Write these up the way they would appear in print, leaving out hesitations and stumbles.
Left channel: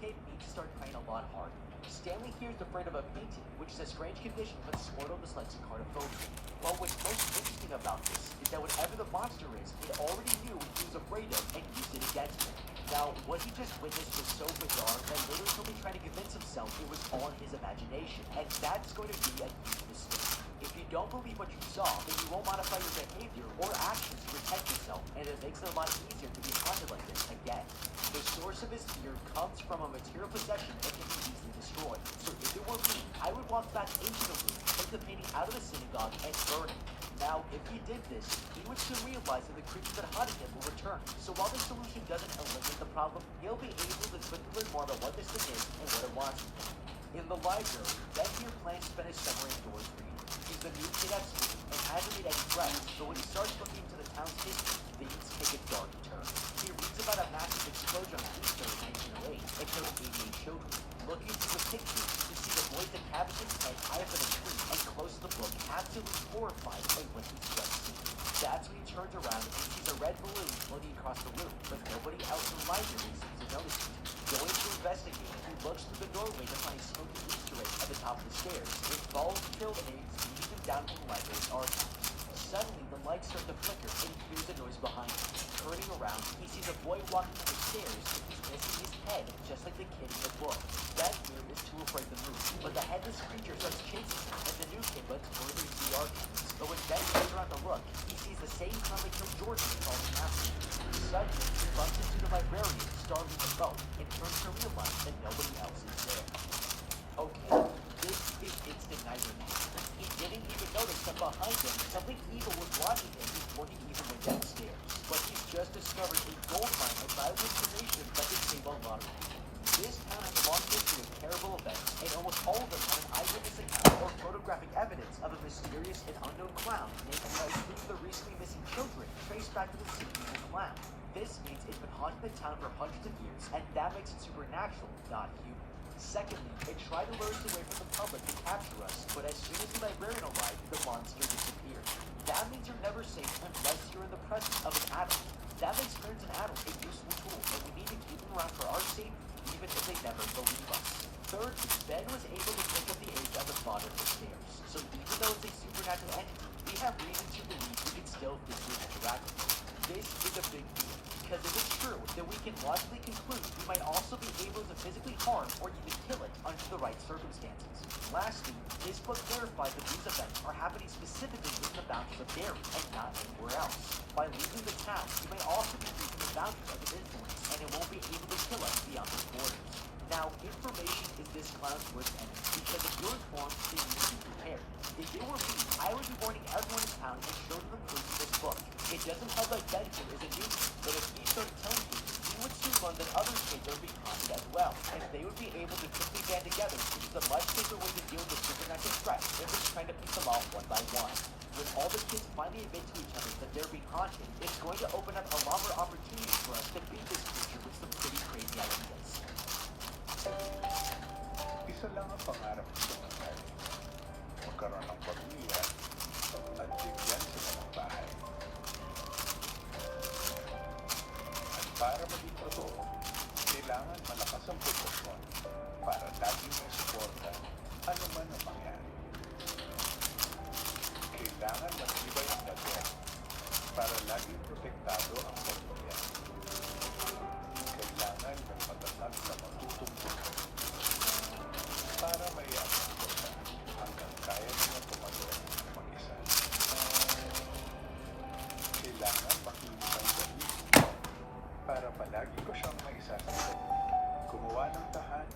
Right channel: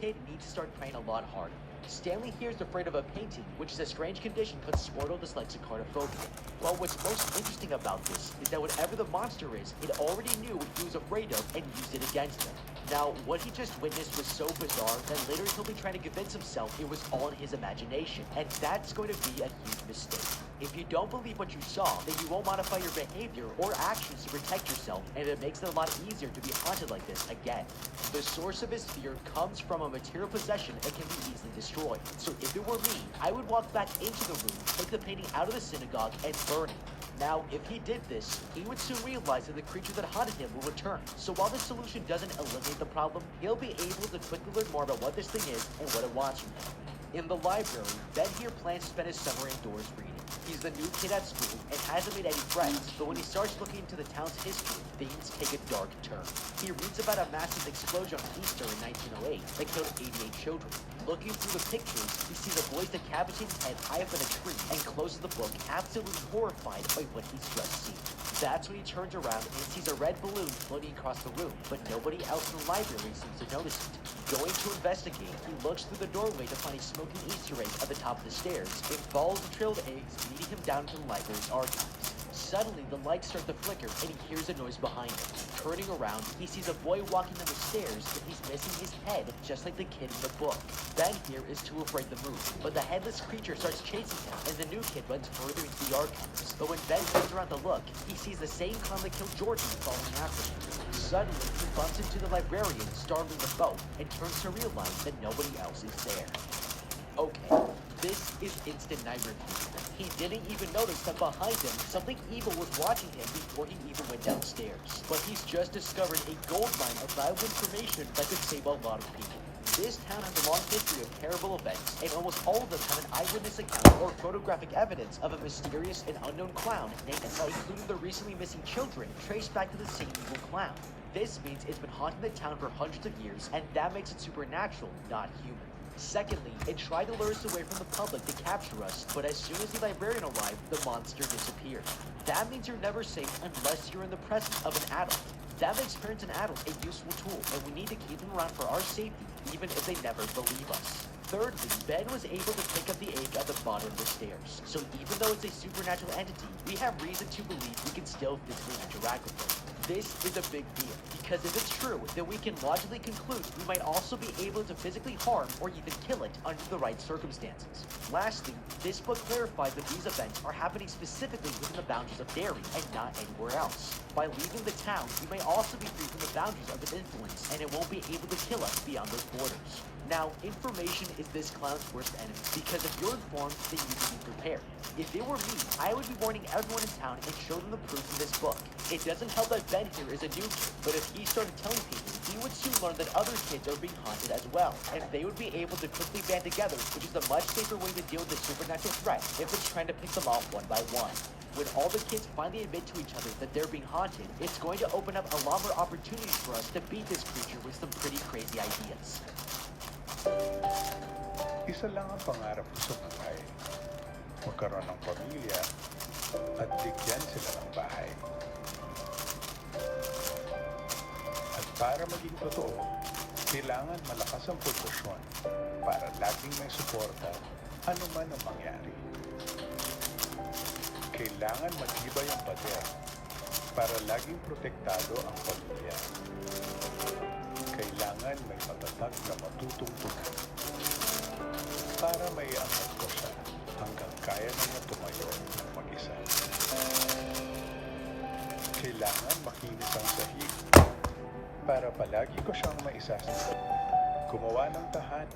kid needs to start praying a lot harder. Stanley here is afraid of a painting, which is a strange condition for the Squirtle dyslexic carnophobia. Well, what's most interesting about this is that whatever the monster is, it already knew what he was afraid of and used it against him. Now, what he just witnessed was so bizarre that later he'll be trying to convince himself it was all in his imagination, and that's going to be a huge mistake. If you don't believe what you saw, then you won't modify your behavior or actions to protect yourself, and it makes it a lot easier to be haunted like this again. The source of his fear comes from a material possession and can be easily destroyed. So if it were me, I would walk back into the room, take the painting out of the synagogue, and burn it. Now, if he did this, he would soon realize that the creature that haunted him will return. So while the solution doesn't eliminate the problem, he'll be able to quickly learn more about what this thing is and what it wants from him. In the library, Ben here plans to spend his summer indoors reading. He's the new kid at school and hasn't made any friends, but when he starts looking into the town's history, things take a dark turn. He reads about a massive explosion on Easter in 1908 that killed 88 children. Looking through the pictures, you see the boys decapitated and high up in a tree and close to the book, absolutely horrified by what he's just seen. That's when he turns around and sees a red balloon floating across the room, but nobody else in the library seems to notice it. Going to investigate, he looks through the doorway to find a smoking Easter egg at the top of the stairs. It falls trailed eggs, leading him down to the library's archives. Suddenly, the lights start to flicker, and he hears a noise behind him. Turning around, he sees a boy walking up the stairs, and he's missing his head, just like the kid in the book. Ben here is too afraid to move, but the headless creature starts chasing him, and the new kid runs further into the archives. But when Ben turns around to look, he sees the same clown that killed Jordan following after him. Suddenly, he bumps into the librarian, startling them both, and turns to realize that nobody else is there. Okay, this is instant nightmare. He didn't even notice that behind him, something evil was watching him before he even went downstairs. But he's just discovered a gold mine of vital information that could save a lot of people. This town has a long history of terrible events, and almost all of them have an eyewitness account or photographic evidence of a mysterious and unknown clown, and a few of the recently missing children traced back to the same evil clown. This means it's been haunting the town for hundreds of years, and that makes it supernatural, not human. Secondly, it tried to lure us away from the public to capture us, but as soon as the librarian arrived, the monster disappeared. That means you're never safe unless you're in the presence of an adult. That makes parents and adults a useful tool, but we need to keep them around for our safety, even if they never believe us. Thirdly, Ben was able to pick up the egg at the bottom of the stairs, so even though it's a supernatural entity, we have reason to believe we can still physically interact with it. This is a big deal, because if it's true, then we can logically conclude we might also be able to physically harm or even kill it under the right circumstances. Lastly, this book clarifies that these events are happening specifically within the boundaries of Derry and not anywhere else. By leaving the town, we may also be breaching the boundaries of its influence, and it won't be able to kill us beyond those borders. Now, information is this cloud's worst enemy, because if you're informed, then you can be prepared. If it were me, I would be warning everyone in town and show them the proof of this book. It doesn't help that Ben here is a newbie, but if he started telling people, he would soon learn that other kids are being haunted as well, and they would be able to quickly band together, which is a much safer way to deal with a supernatural threat if it's trying to pick them off one by one. When all the kids finally admit to each other that they're being haunted, it's going to open up a lot more opportunities for us to beat this creature with some pretty crazy ideas. Isa lang ang pangarap ko sa buhay. Magkaroon ng pamilya at bigyan sila ng bahay. At para maging totoo, kailangan malakas ang proporasyon para laging may suporta ano man ang mangyari. Kailangan matibay ang pamilya para laging protektado ang pamilya. Kailangan may matatag na matututunan para may angat ko siya hanggang kaya niya tumayo mag-isa. Kailangan makinis ang dahil para palagi ko siyang maisasama. Gumawa ng tahanan.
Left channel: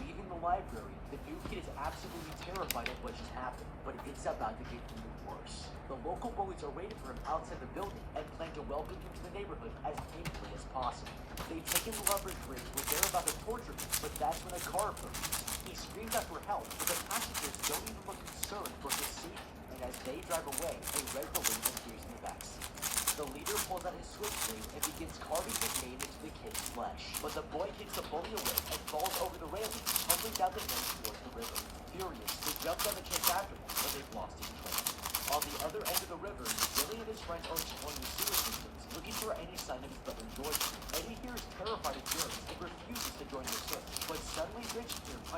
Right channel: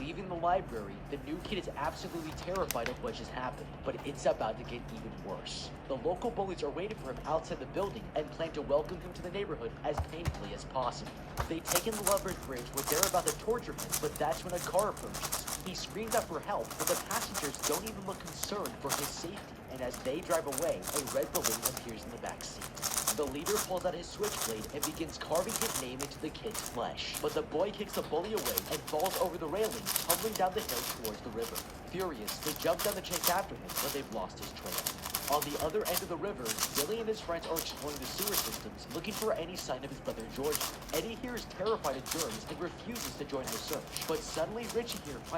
Leaving the library, the new kid is absolutely terrified of what just happened, but it's about to get even worse. The local bullies are waiting for him outside the building and plan to welcome him to the neighborhood as painfully as possible. They take him to Lover's Bridge where they're about to torture him, but that's when a car approaches. He screams out for help, but the passengers don't even look concerned for his safety, and as they drive away, a red balloon appears in the back seat. The leader pulls out his switchblade and begins carving his name into the kid's flesh, but the boy kicks the bully away and falls over the railing, tumbling down the hill towards the river. Furious, they jump down the chase after him, but they've lost his trail. On the other end of the river, Billy and his friends are exploring the sewer systems, looking for any sign of his brother Jordan. Eddie here is terrified of germs and refuses to join their search.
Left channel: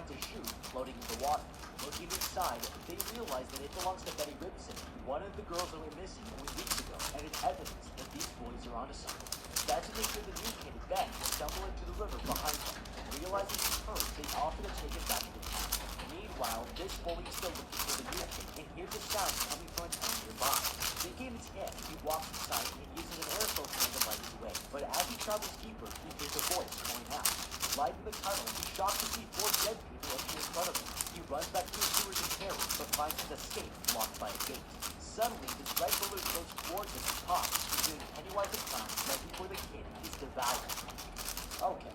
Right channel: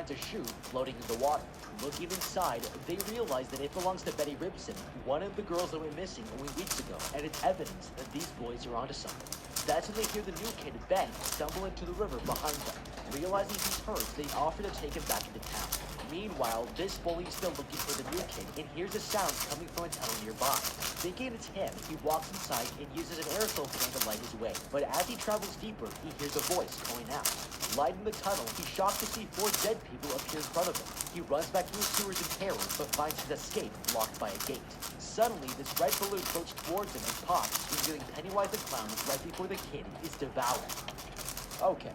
finds a shoe floating in the water. Looking inside, they realize that it belongs to Betty Ribson, one of the girls that went missing only weeks ago, and it's evidence that these boys are onto something. That's when they hear the new kid, Betty, stumble into the river behind them. Realizing he's hurt, they offer to take him back to town. Meanwhile, this bully's still looking for the new kid and hears a sound coming from a tunnel nearby. Thinking it's him, he walks inside and uses an aerosol tank to light his way. But as he travels deeper, he hears a voice calling out. Lighting the tunnel, he's shocked to see 4 dead people appear in front of him. He runs back to his sewers in terror, but finds his escape blocked by a gate. Suddenly, this red balloon floats towards him and pops, revealing Pennywise the clown right before the kid is devoured. Okay,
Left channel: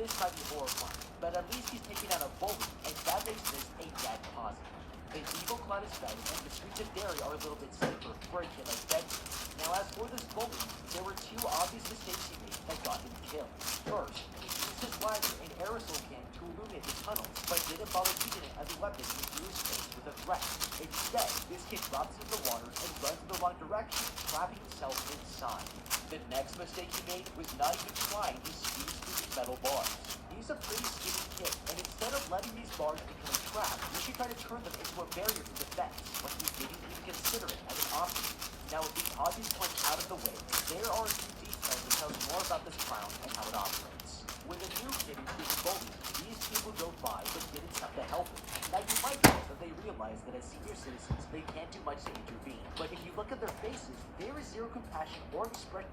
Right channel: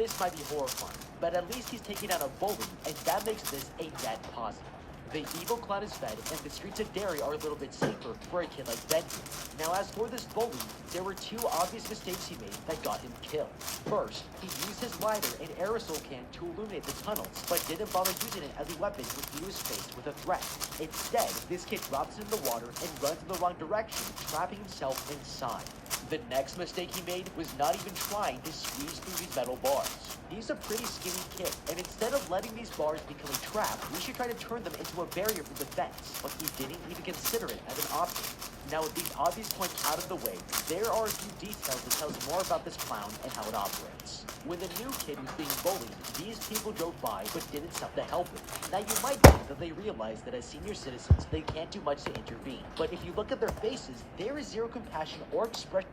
this might be horrifying, but at least he's taking out a bully, and that makes this a net positive. The evil clown is fed, and the streets of Derry are a little bit safer for a kid like Betty. Now, as for this bully, there were 2 obvious mistakes he made that got him killed. First, he used his lighter and aerosol can to illuminate the tunnels, but didn't bother using it as a weapon when he was faced with a threat. Instead, this kid drops into the water and runs in the wrong direction, trapping himself inside. The next mistake he made was not even trying to squeeze through these metal bars. He's a pretty skinny kid, and instead of letting these bars become a trap, we should try to turn them into a barrier for defense, but he didn't even consider it as an option. Now, with these obvious points out of the way, there are a few details that tell us more about this clown and how it operates. With a new kid who's being bullied, these people drove by but didn't stop to help him. Now, you might think that they realize that as senior citizens, they can't do much to intervene. But if you look at their faces, there is zero compassion or expression